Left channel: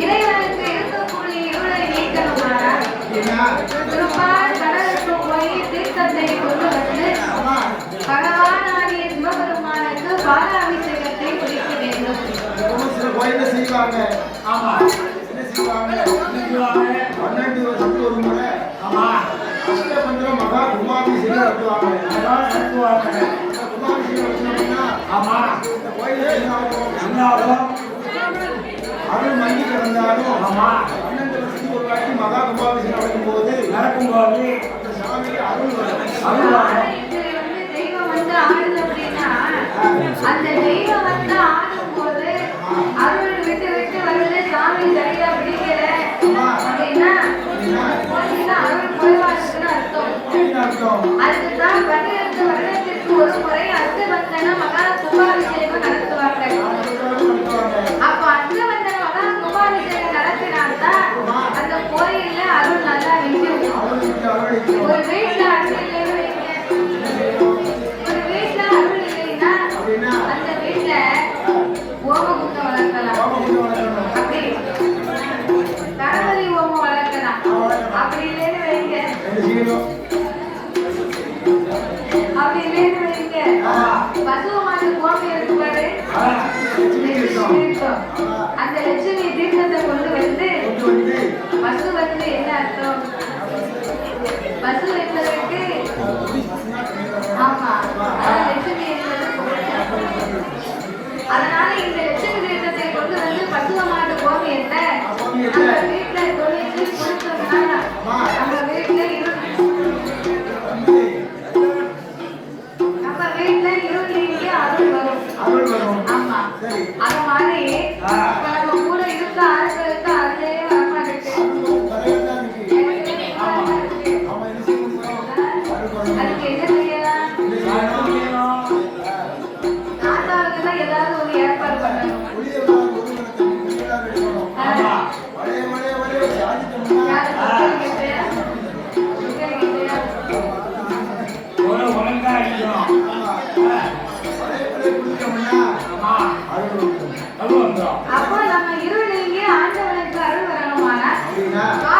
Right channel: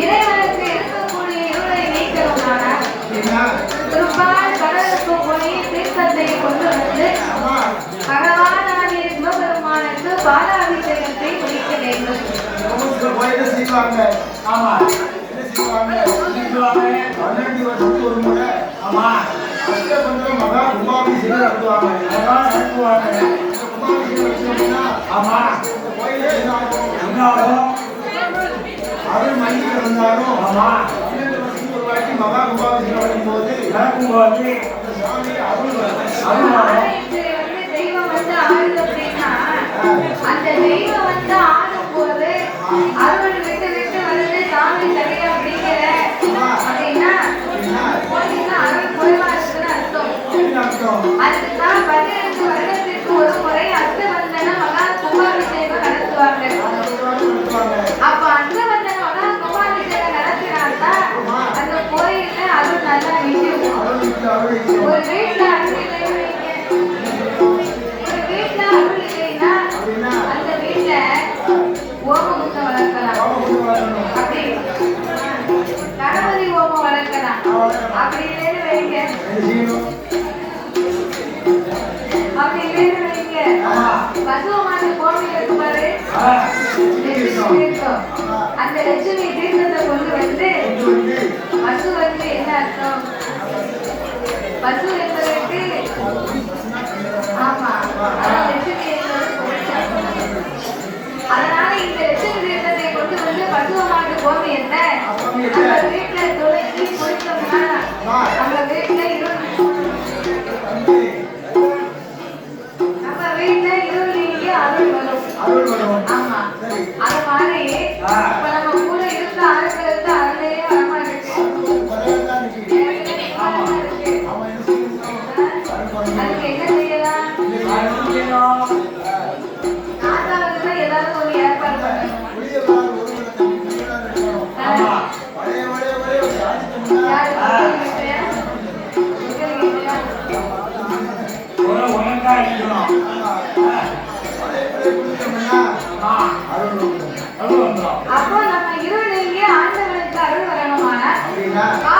இறைவனுக்கு இருக்கக்கூடிய இருளை நீக்கணுமானால் திருப்பால் கடலுக்கு போய் தீர்த்தத்தை கொண்டு வந்து பகவானான சிவபெருமானுக்கு பாலாபிஷேகத்தை குடிக்க வேண்டும். செய்வாங்க ஆமா. என்ன செய்வாங்க பன்னெண்டு வருஷத்துக்கு ஒரு முறை ஆமா மகா கும்பாபிஷேகம் நடத்துவாங்க நடத்துவாங்க கும்பாபிஷேகம் ஆமா கோயிலே என்ன ஆகும் நடந்தாலும் ஒரு வாட்டி மகா கும்பாபிஷேகம் நடக்கும்போது நடக்கும்போது அதுதான் அந்த லட்சுமி தீர்த்தத்தை கொண்டு வந்து பசு வந்து என்ன அர்த்தம்? பசு என்பதற்கு ஆமா லட்சுமி அதனால இந்த லட்சுமி தீர்த்தத்தை கொண்டு வந்து பசுவ மாட்டு போது என்ன? நம்ம வீட்டுல தொலைச்சு கொடுத்தோம்னா நம்ம வீட்டுல நம்ம வீட்டுல இருள் நீங்க அருள் வரும். ஆமா. அதை 8 ปีหน้า